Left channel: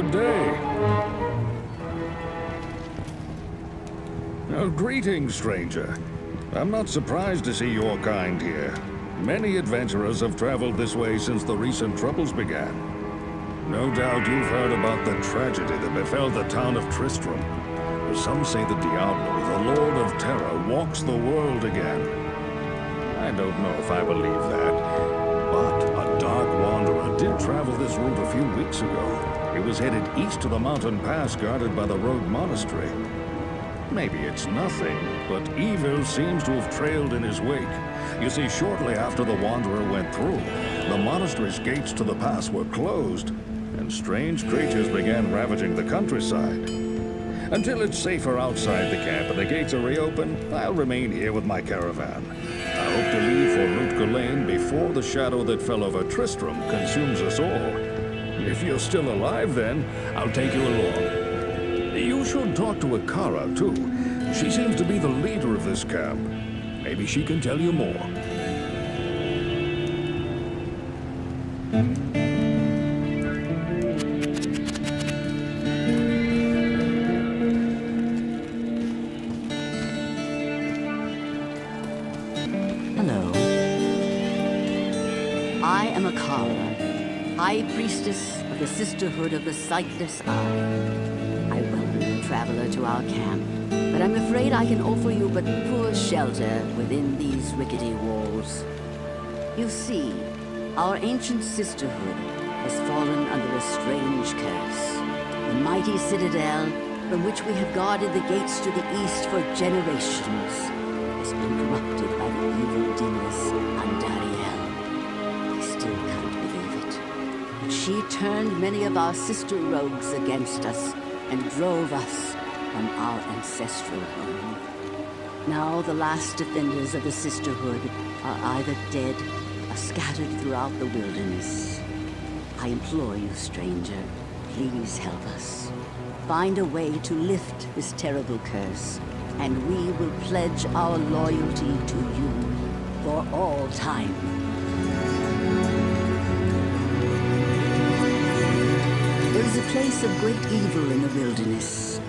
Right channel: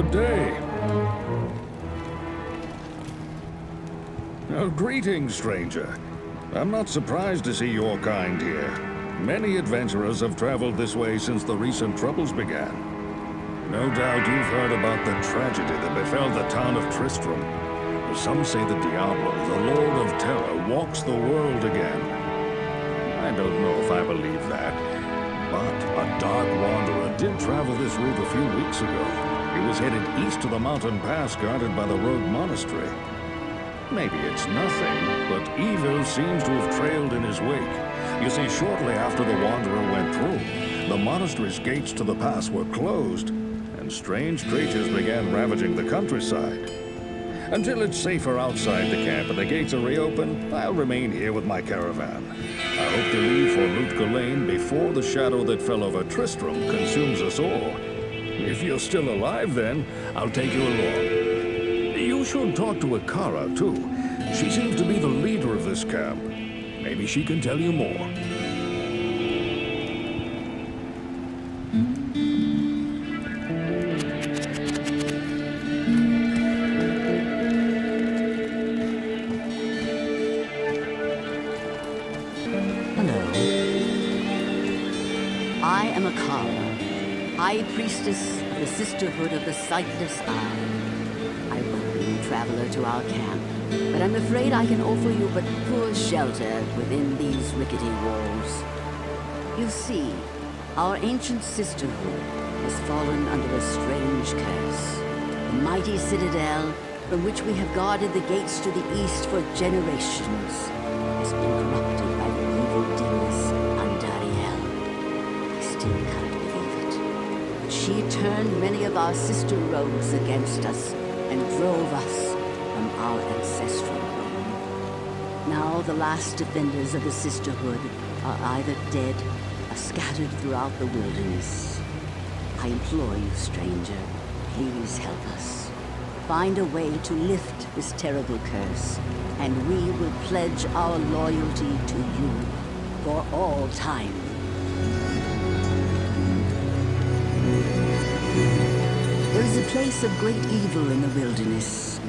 Good day. Greetings, stranger. I'm not surprised to see your kind here. Many adventurers have traveled this way since the recent troubles began. No doubt you've heard about the tragedy that befell the town of Tristram. Some say that Diablo, the Lord of Terror, walks the world again. I don't know if I believe that, but a dark wanderer did travel this route a few weeks ago. He was headed east to the mountain pass guarded by the rogue monastery. Maybe it's nothing, but evil seems to have trailed in his wake. You see, shortly after the wanderer went through, the monastery's gates to the pass were closed, and strange creatures began ravaging the countryside. Until it's safer outside the camp and the gates are reopened, I'll remain here with my caravan. I hope to leave for Lutga Lane before the shadow that fell over Tristram consumes us all. If you're still alive then, I'll take you along. You should talk to Akara, too. She seems to be the leader of this camp. Maybe she can tell you more. Hello. I am Akara, High Priestess of the Sisterhood of the Sightless Eye. I welcome you, traveler, to our camp, but I'm afraid I can offer you but poor shelter within these rickety walls. You see, our ancient sisterhood has fallen under a strange curse. The mighty citadel, from which we have guarded the gates to the east for generations, has been corrupted by the evil demoness Andariel. I still can't believe it. But she turned many of our sister rogues against us and drove us from our ancestral home. Now the last defenders of the sisterhood are either dead or scattered throughout the wilderness. I implore you, stranger, please help us. Find a way to lift this terrible curse, and we will pledge our loyalty to you for all time. There is a place of great evil in the wilderness.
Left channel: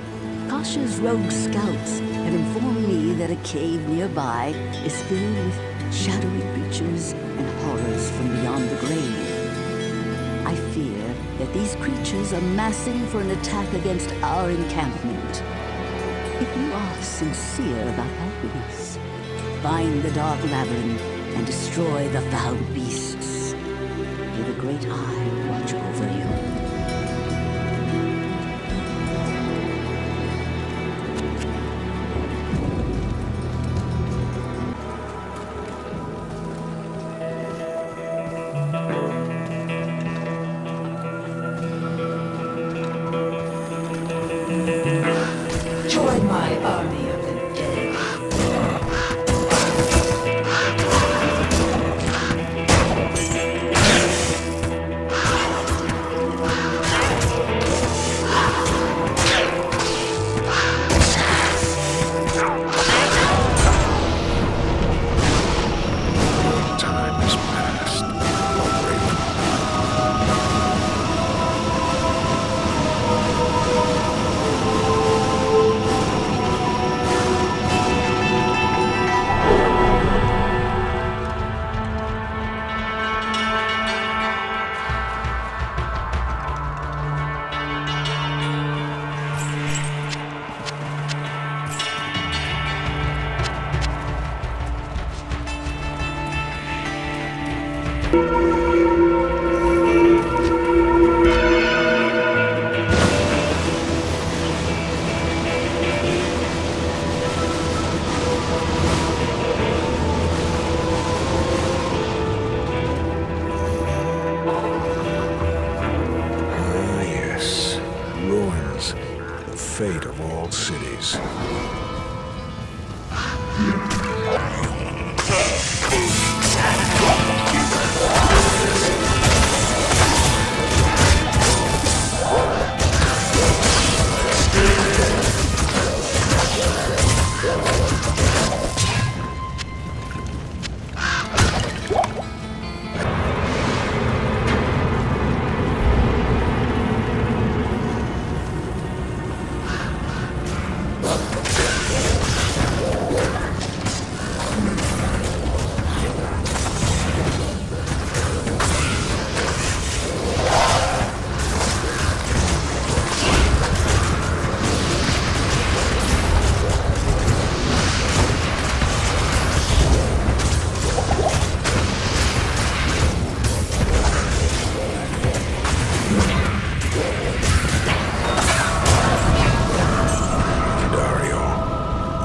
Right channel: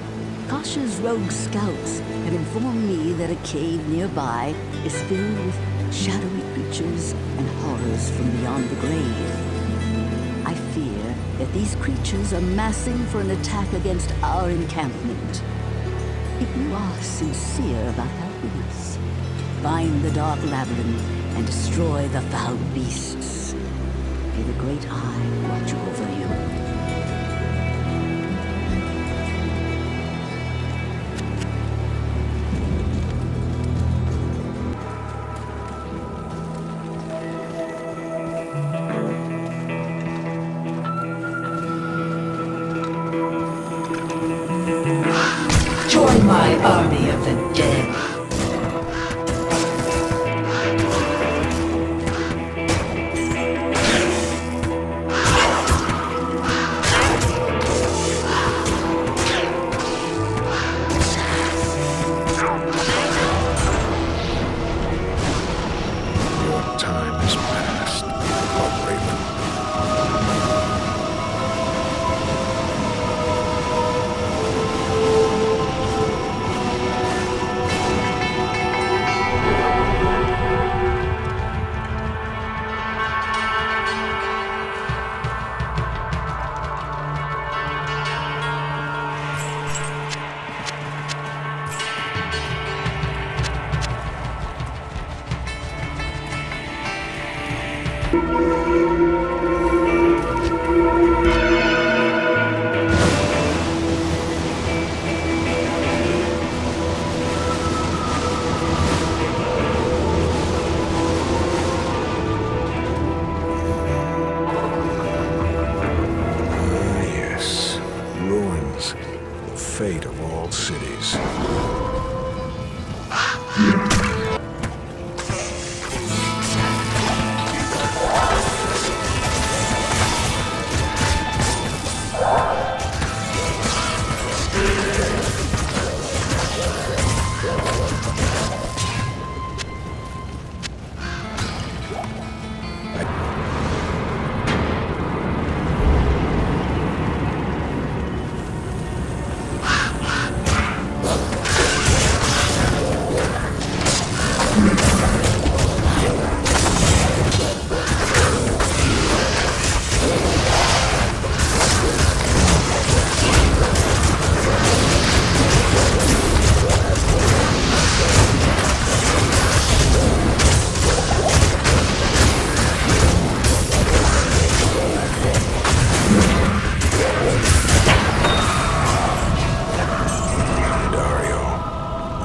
Kasha's rogue scouts have informed me that a cave nearby is filled with shadowy creatures and horrors from beyond the grave. I fear that these creatures are massing for an attack against our encampment. If you are sincere about helping us, find the dark labyrinth and destroy the foul beasts. May the Great Eye watch over you. Join my army of the dead. Time has passed, Bloodbraven. Ruins, the fate of all cities.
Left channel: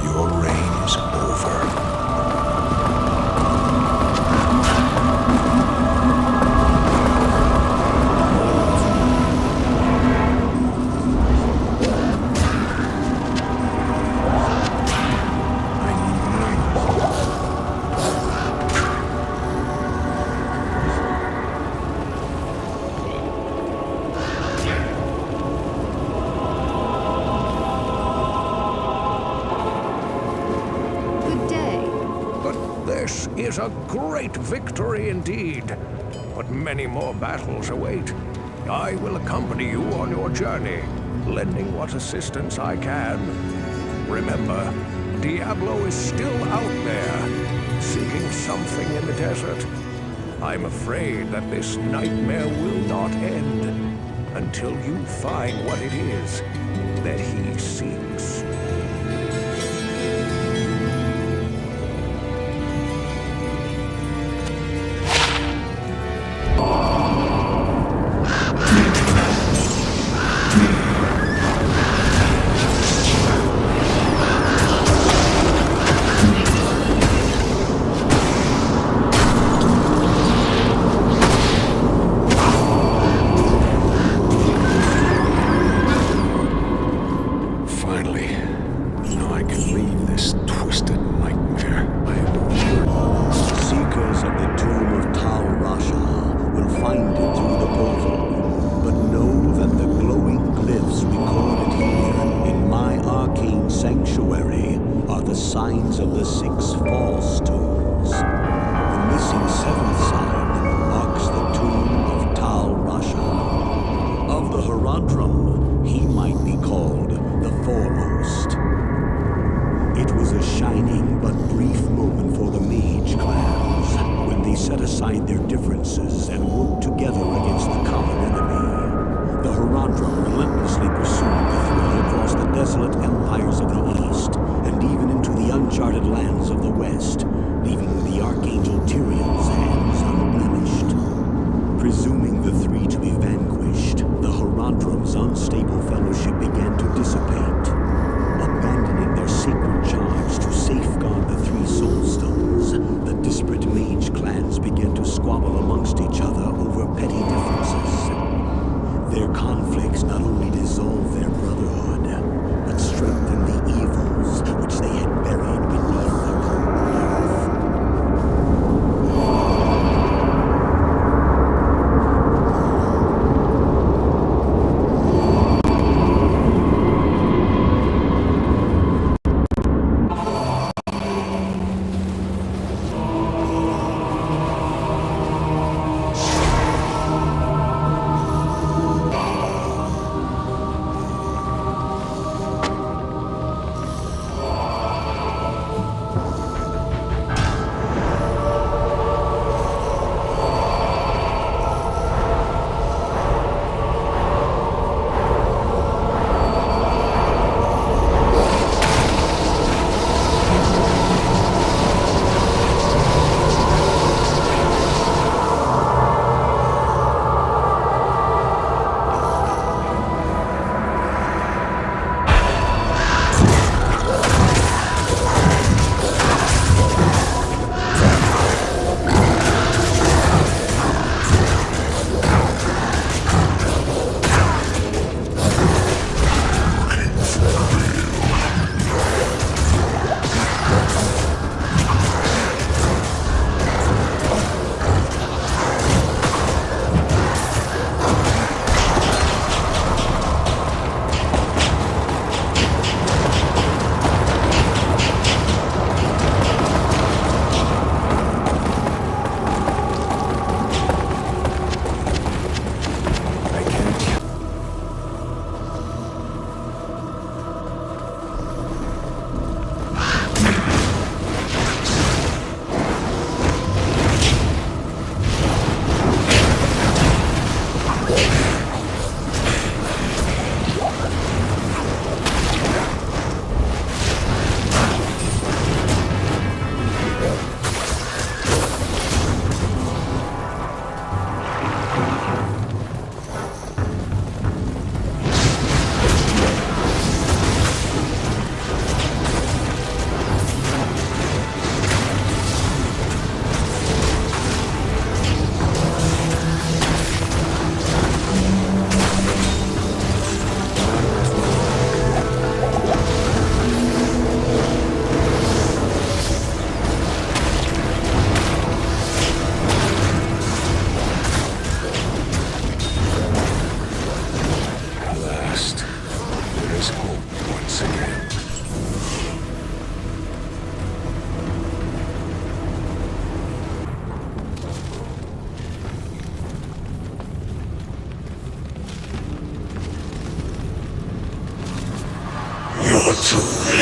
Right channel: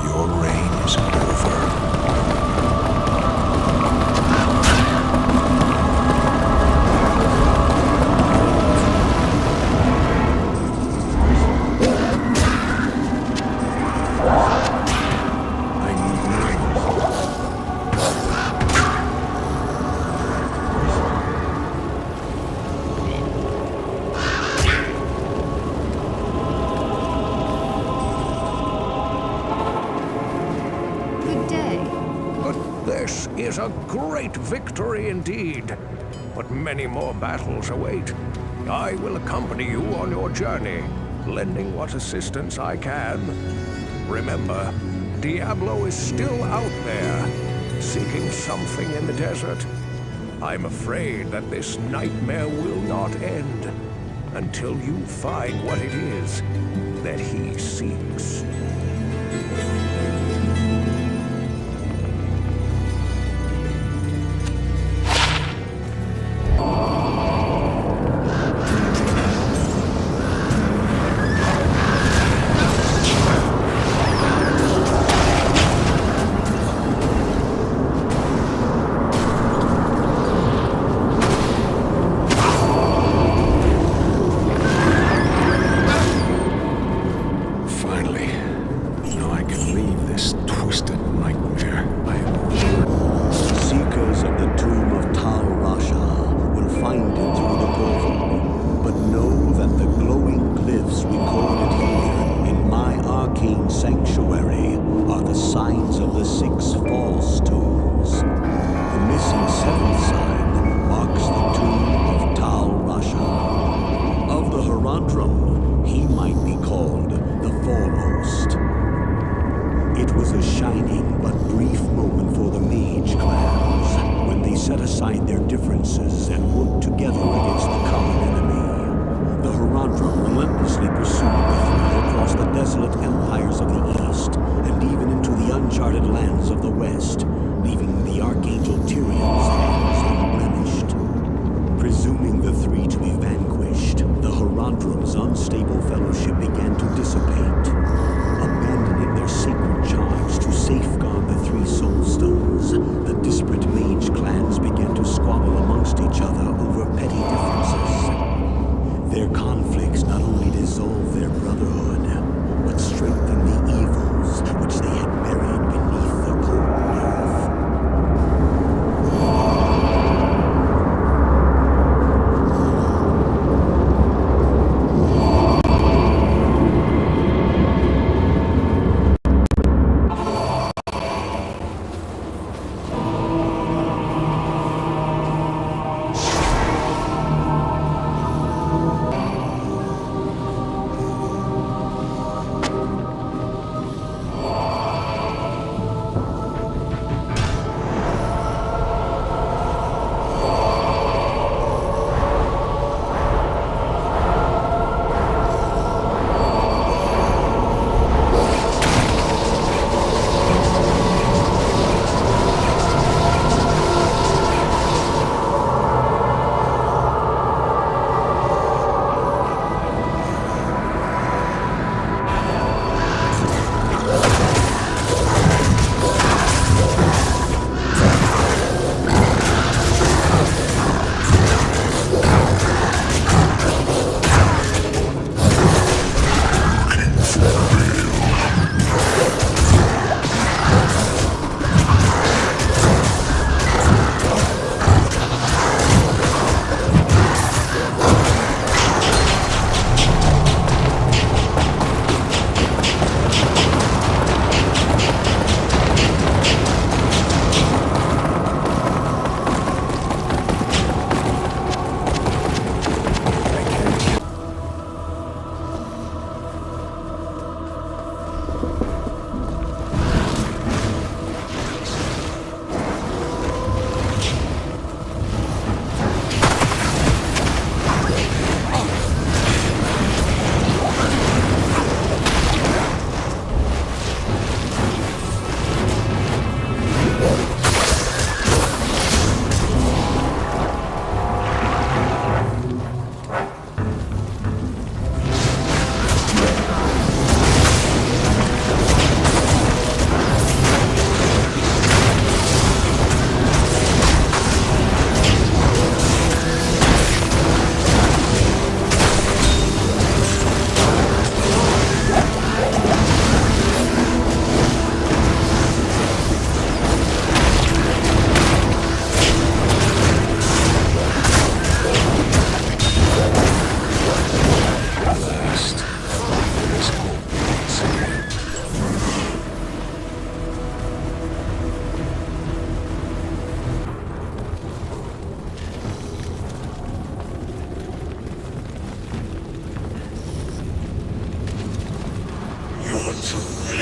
Your reign is over. I need more. Good day. But this is a great victory indeed. But many more battles await. I will accompany you on your journey, lending what assistance I can. Remember, Diablo is still out there, seeking something in the desert. I'm afraid that this nightmare will not end until you find what it is that he seeks. Finally. Now I can leave this twisted nightmare. Seekers of the tomb of Tal Rasha will find it through the portal. But know that the glowing glyphs recorded here in my arcane sanctuary are the signs of the 6 false tombs. The missing 7th sign marks the tomb of Tal Rasha. Of the Herondrum, he might be called the foremost. It was a shining but brief moment for the mage clans when they set aside their differences and worked together against the common enemy. The Herondrum relentlessly pursued the three across the desolate empires of the east and even into the uncharted lands of the west, leaving the Archangel Tyrion's hands unblemished. Presuming the three to be vanquished, the Herondrum's unstable fellowship began to dissipate. Abandoning their sacred charge to safeguard the 3 soul stones, the disparate mage clans began to squabble amongst each other over petty differences. Their conflicts not only dissolved their brotherhood, but strengthened the evils which they had buried beneath the cold earth.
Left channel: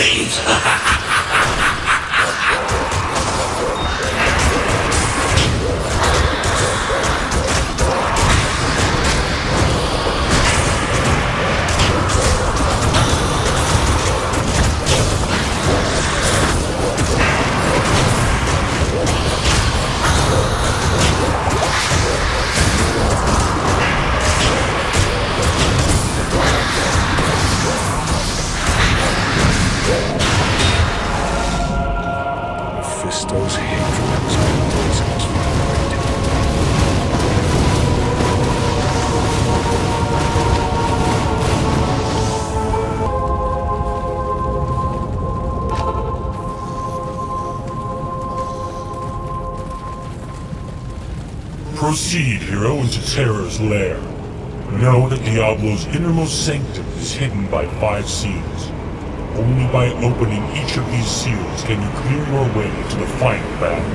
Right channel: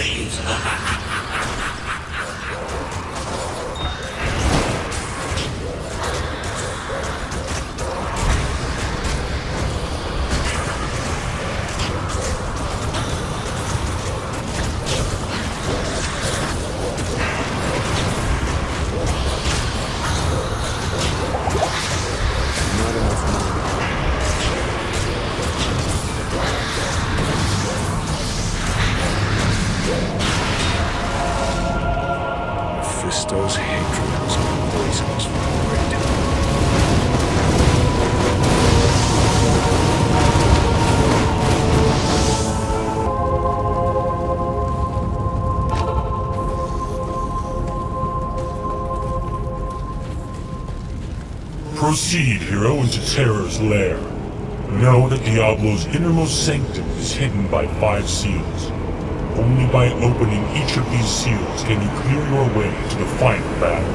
fate. Mephisto's hatred has been poisonous for the great. Proceed, hero, into Terror's lair. Know that Diablo's innermost sanctum is hidden by 5 seals. Only by opening each of these seals can you clear your way to the final battle.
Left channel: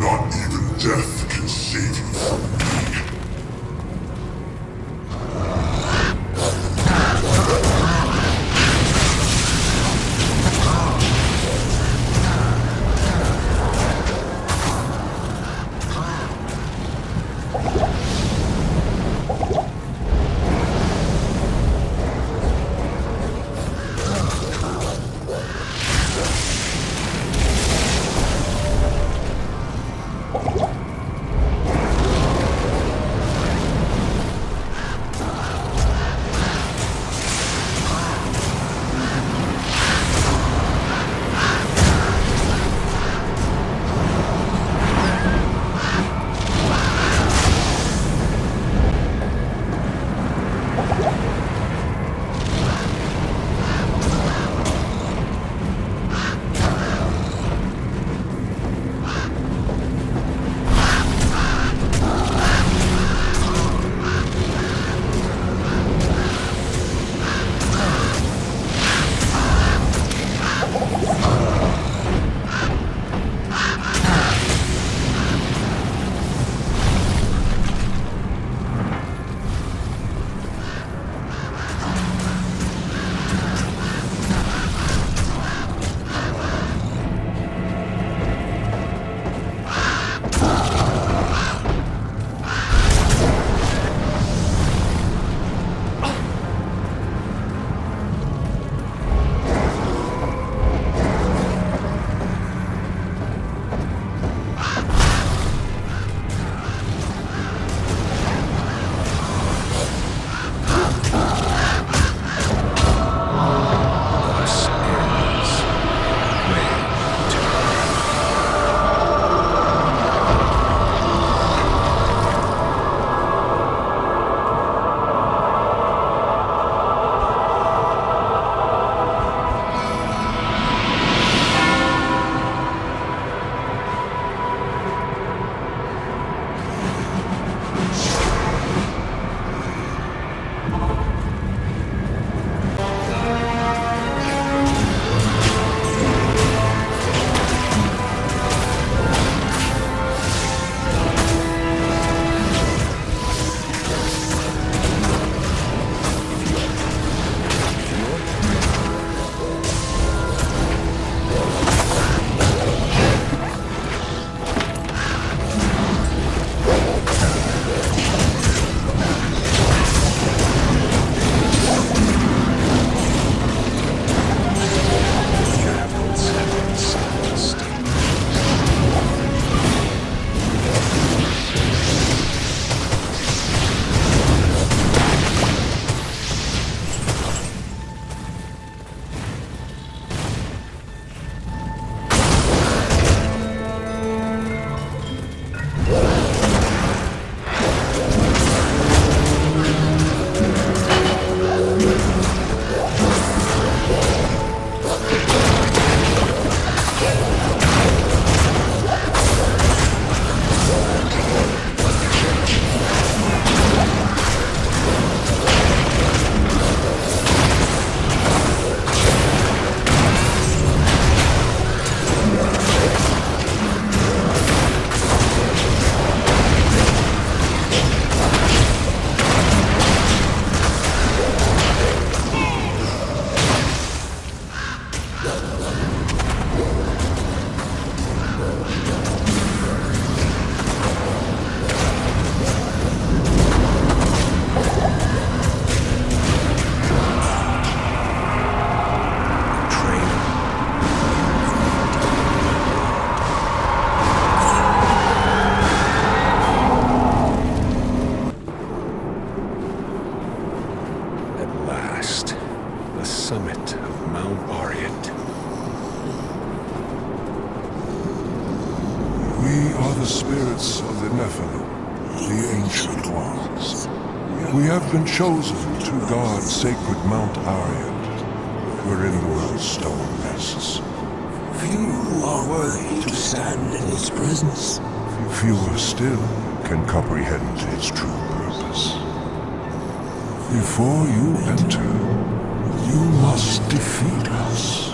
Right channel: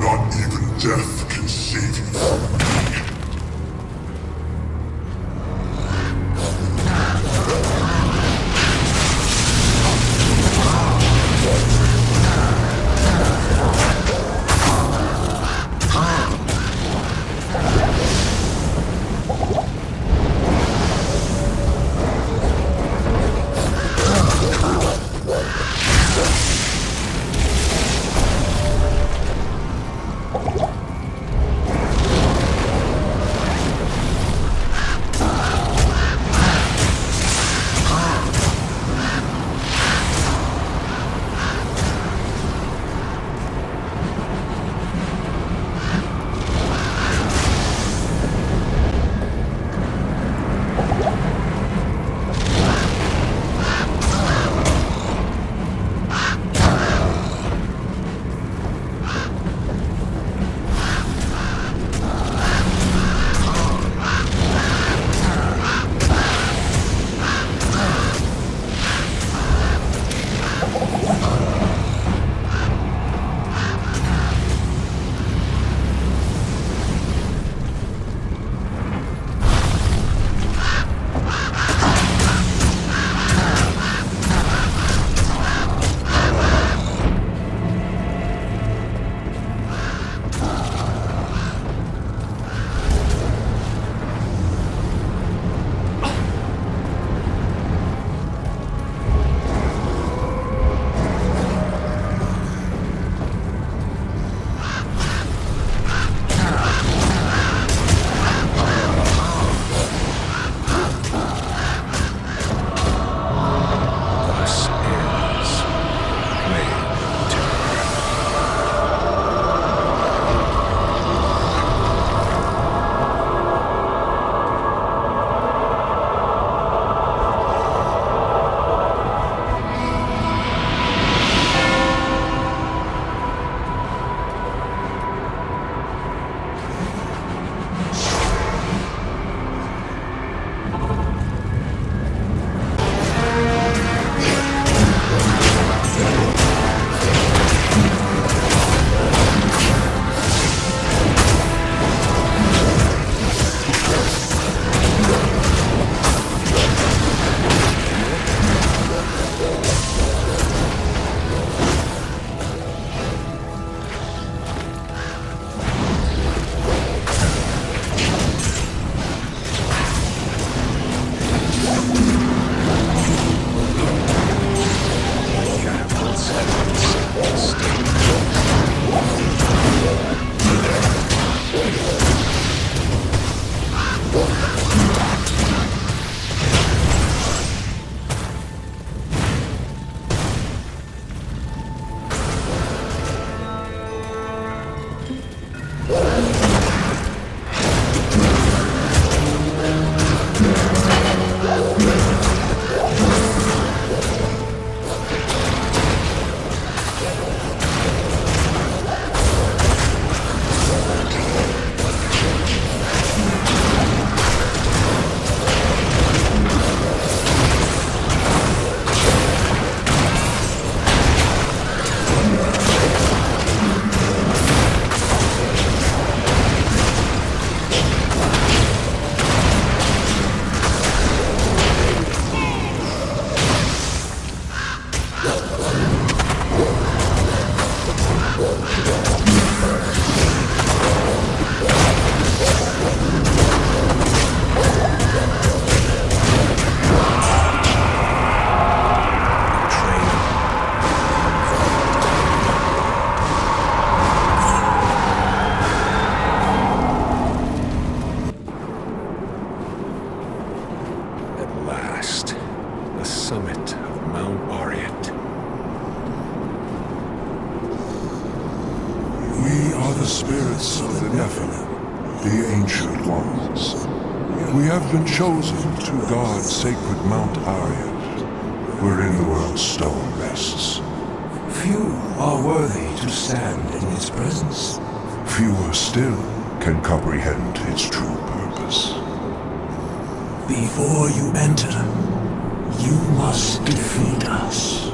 Not even death can save you from me. At last, the summit of Mount Ariat. We are the spirits of the Nephilim, the Ancient Ones. We have been chosen to guard sacred Mount Ariat, wherein the world's stone rests. Few are worthy to stand in his presence. Fewer still can comprehend his true purpose. Before you enter, you must defeat us.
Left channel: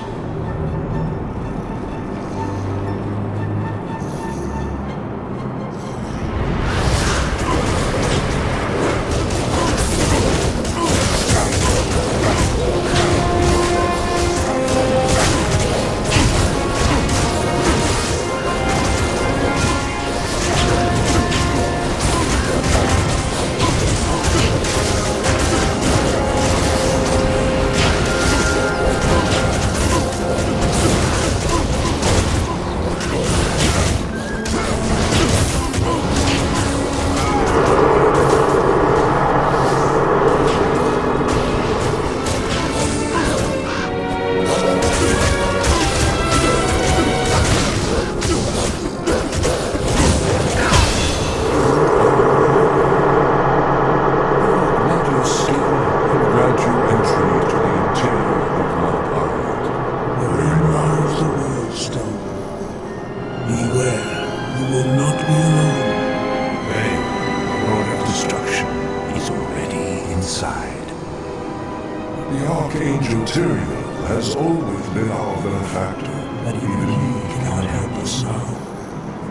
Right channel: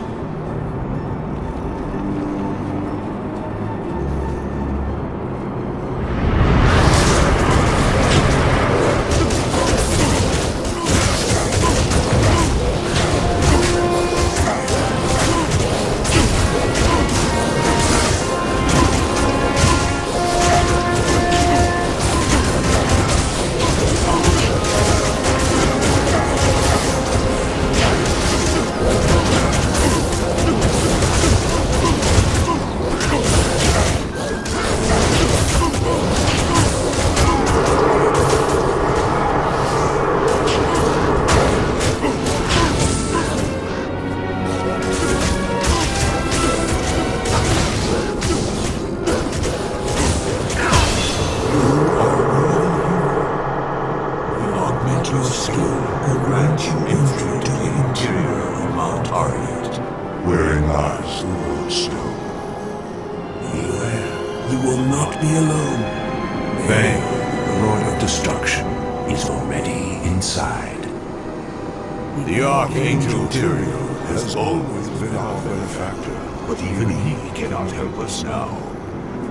The Archangel Tyrael has always been our benefactor, but even he cannot help us now.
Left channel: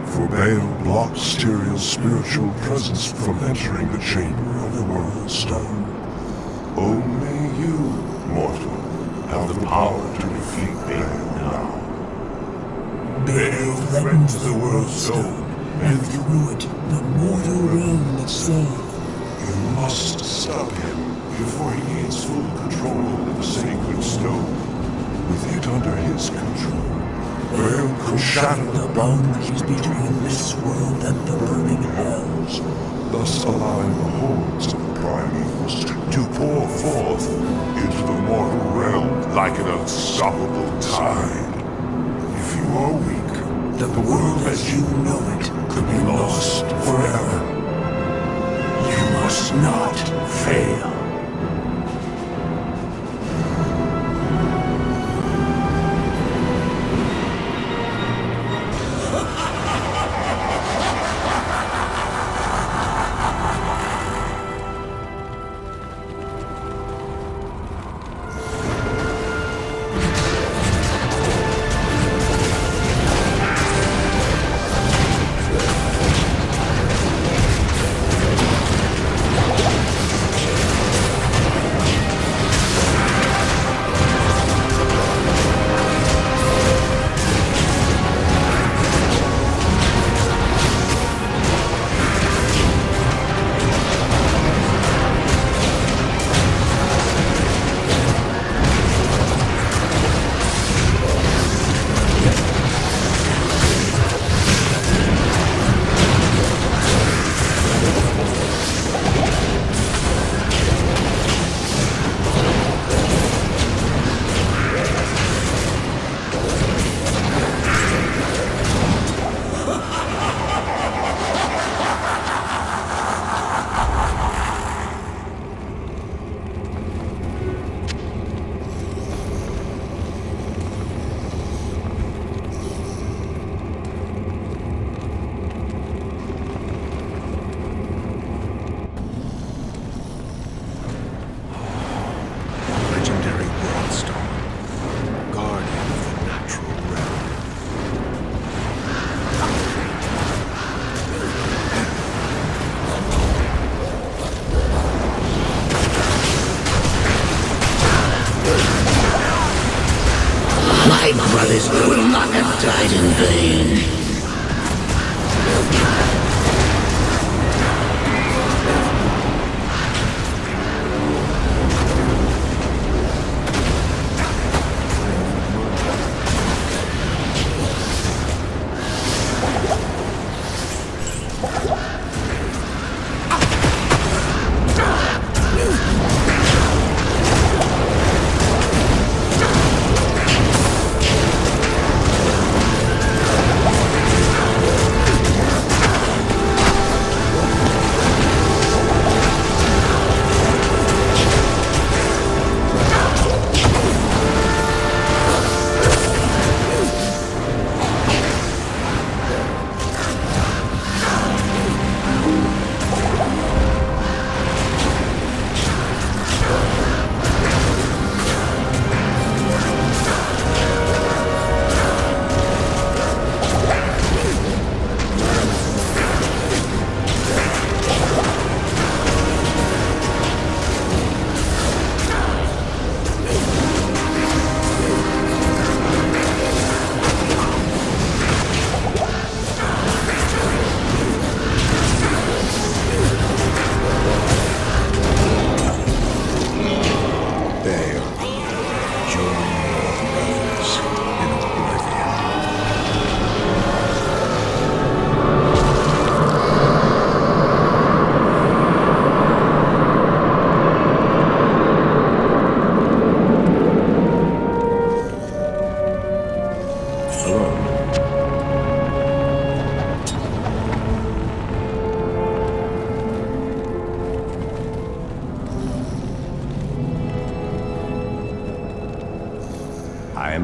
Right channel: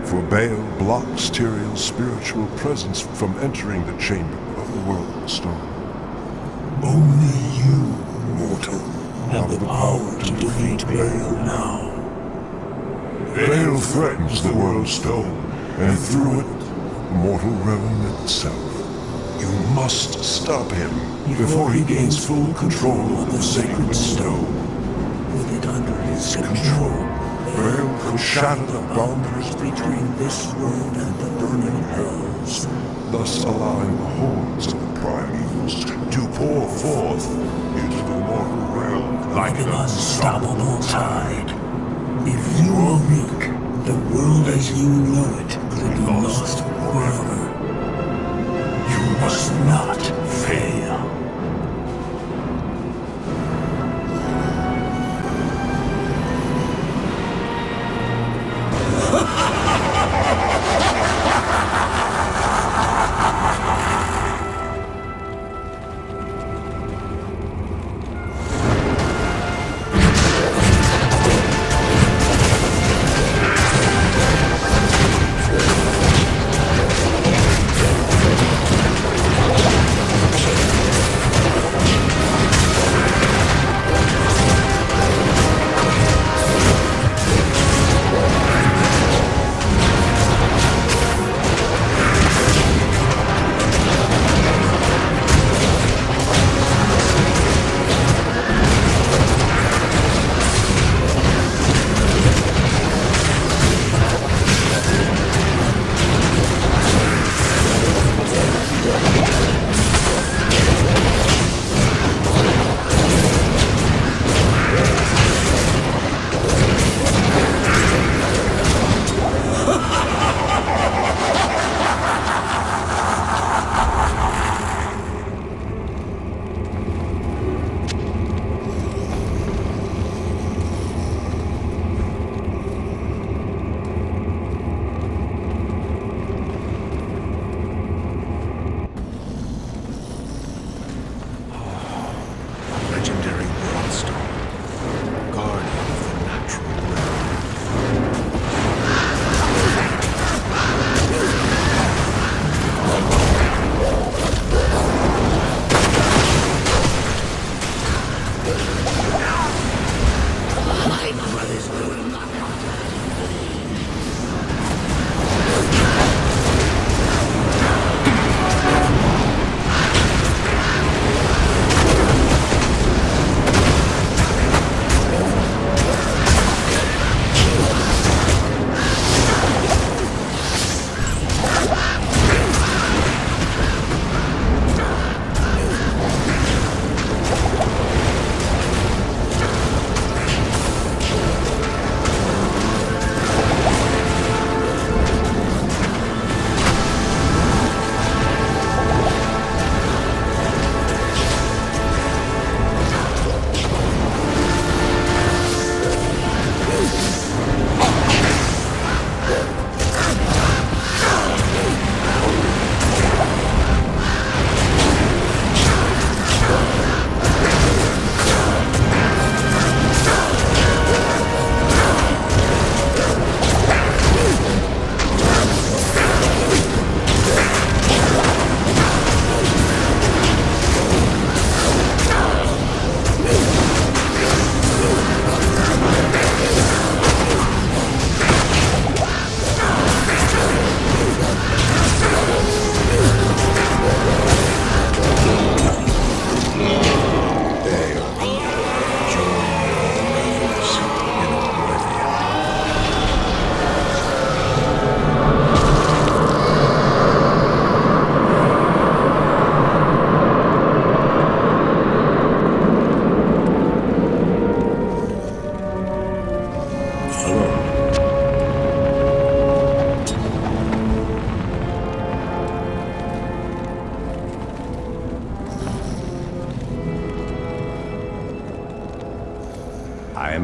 For Baal blocks Tyrael's spiritual presence from entering the chamber of the World of Stone. Only you, mortal, have the power to defeat Baal now. Baal threatens the World Stone, and through it, mortal realm itself. You must stop him before he gains full control of the sacred stone. With it under his control, Baal could shatter the boundaries between this world and the burning hells, thus allowing the hordes of the primevals to pour forth into the mortal realm like an unstoppable tide. If you are weak, the world as you know it could be lost forever. You must not fail.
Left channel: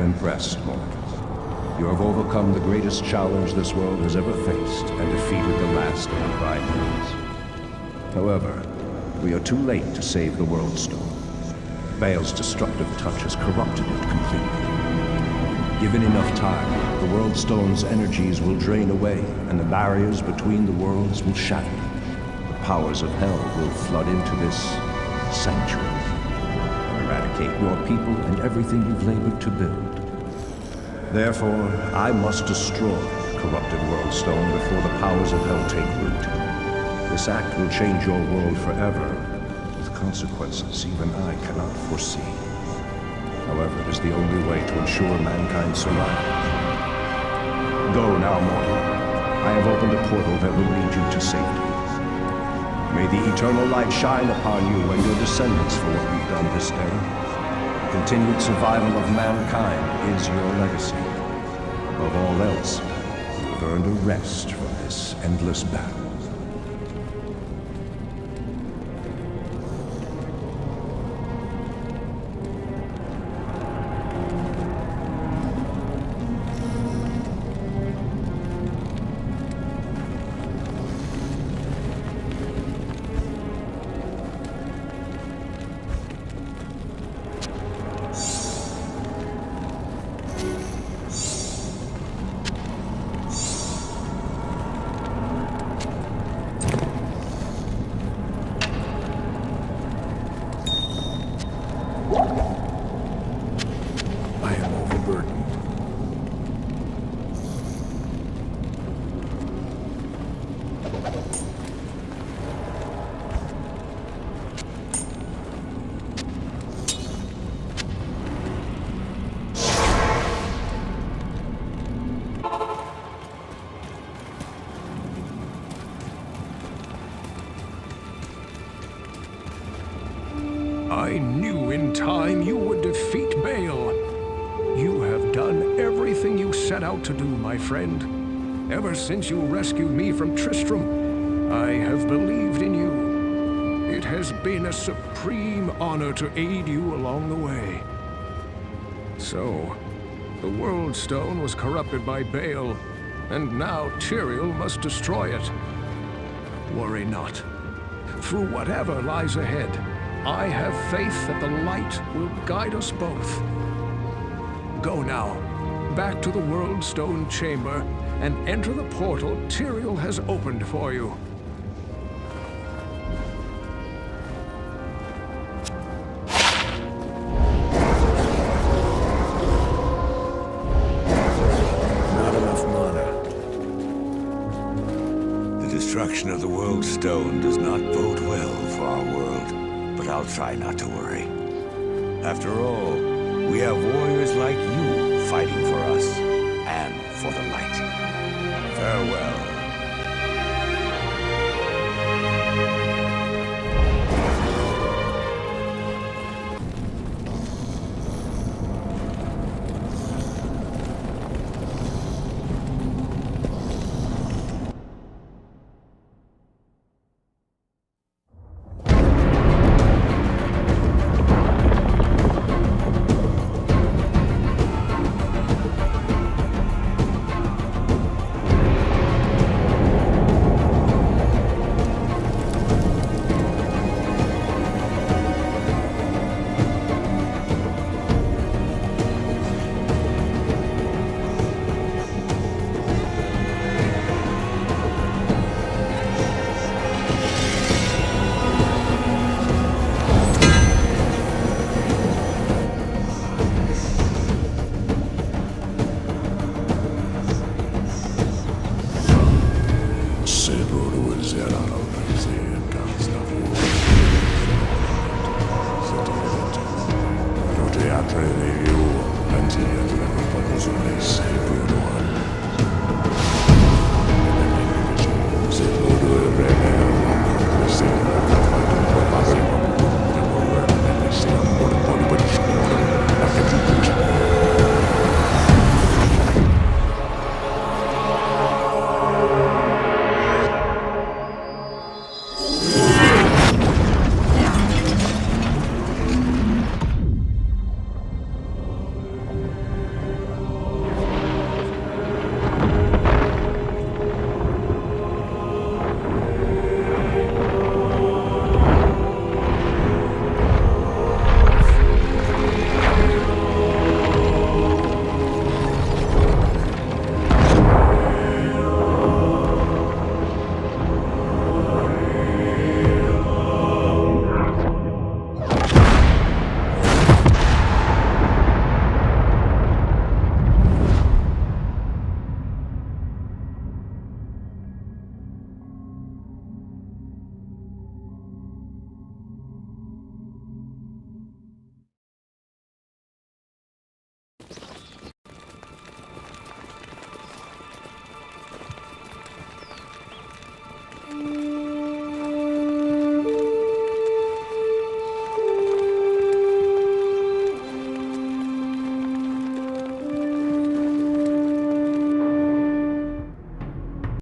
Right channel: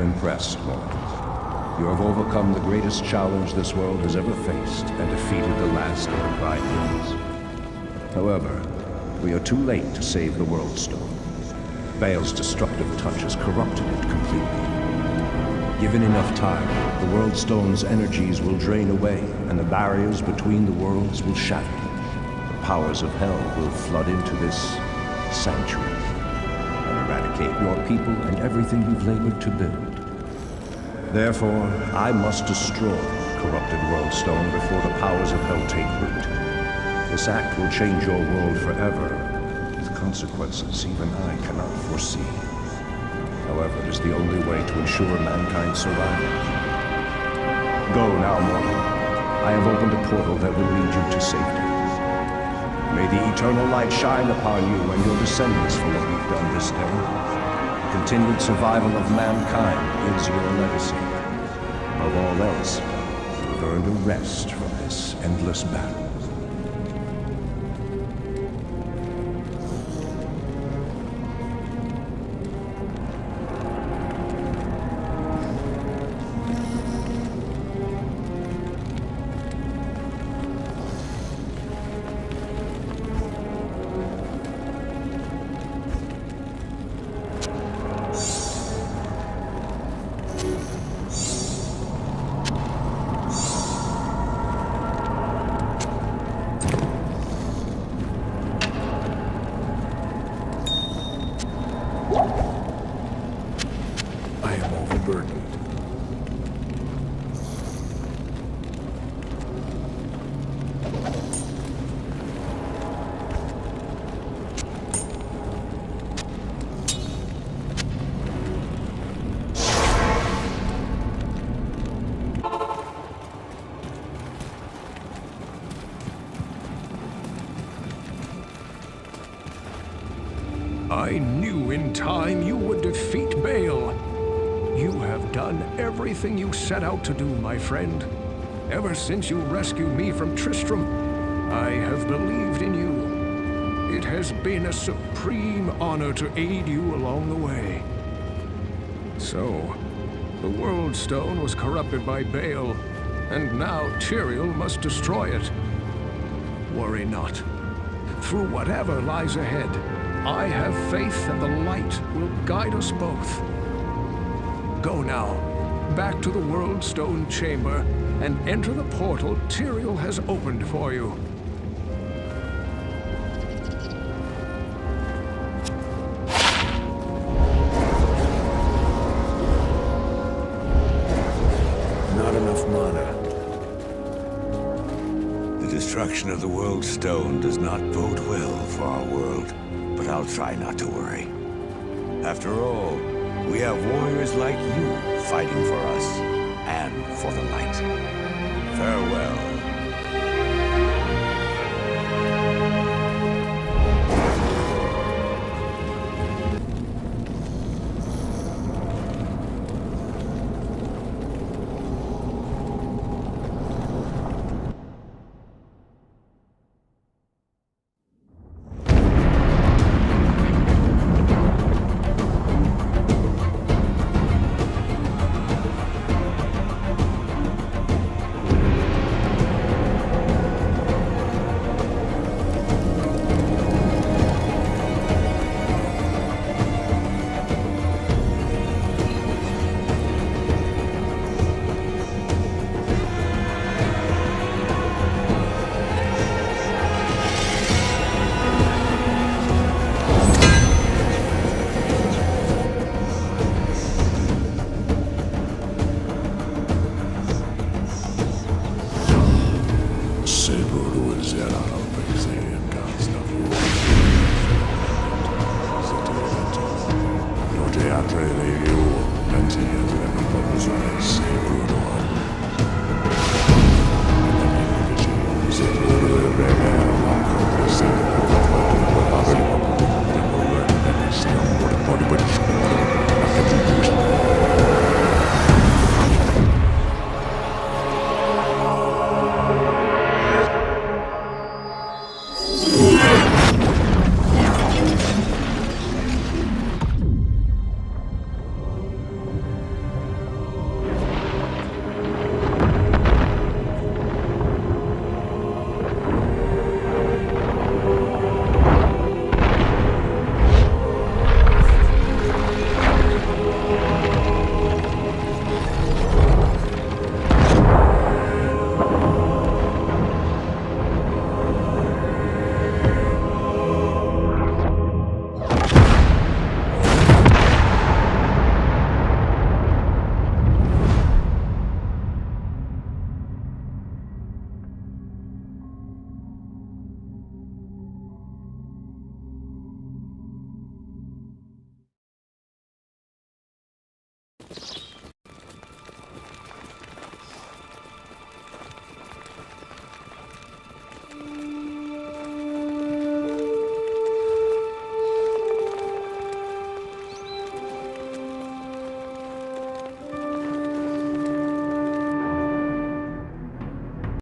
impressed, mortal. You have overcome the greatest challenge this world has ever faced and defeated the last of the Crybabies. However, we are too late to save the World Stone. Baal's destructive touch has corrupted it completely. Given enough time, the World Stone's energies will drain away, and the barriers between the worlds will shatter. The powers of hell will flood into this sanctuary and eradicate your people and everything you've labored to build. Therefore, I must destroy the corrupted World Stone before the powers of hell take root. This act will change your world forever, with consequences even I cannot foresee. However, it is the only way to ensure mankind's survival. Go now, mortal. I have opened a portal that will lead you to safety. May the eternal light shine upon you and your descendants for what you've done this day. The continued survival of mankind is your legacy. Above all else, you have earned a rest from this endless battle. I am overburdened. I knew in time you would defeat Baal. You have done everything you set out to do, my friend. Ever since you rescued me from Tristram, I have believed in you. It has been a supreme honor to aid you along the way. So, the World Stone was corrupted by Baal, and now Tyrael must destroy it. Worry not. Through whatever lies ahead, I have faith that the light will guide us both. Go now, back to the World Stone Chamber, and enter the portal Tyrael has opened for you. Not enough mana. The destruction of the World Stone does not bode well for our world, but I'll try not to worry. After all, we have warriors like you fighting for us and for the light. Farewell. Seguro será.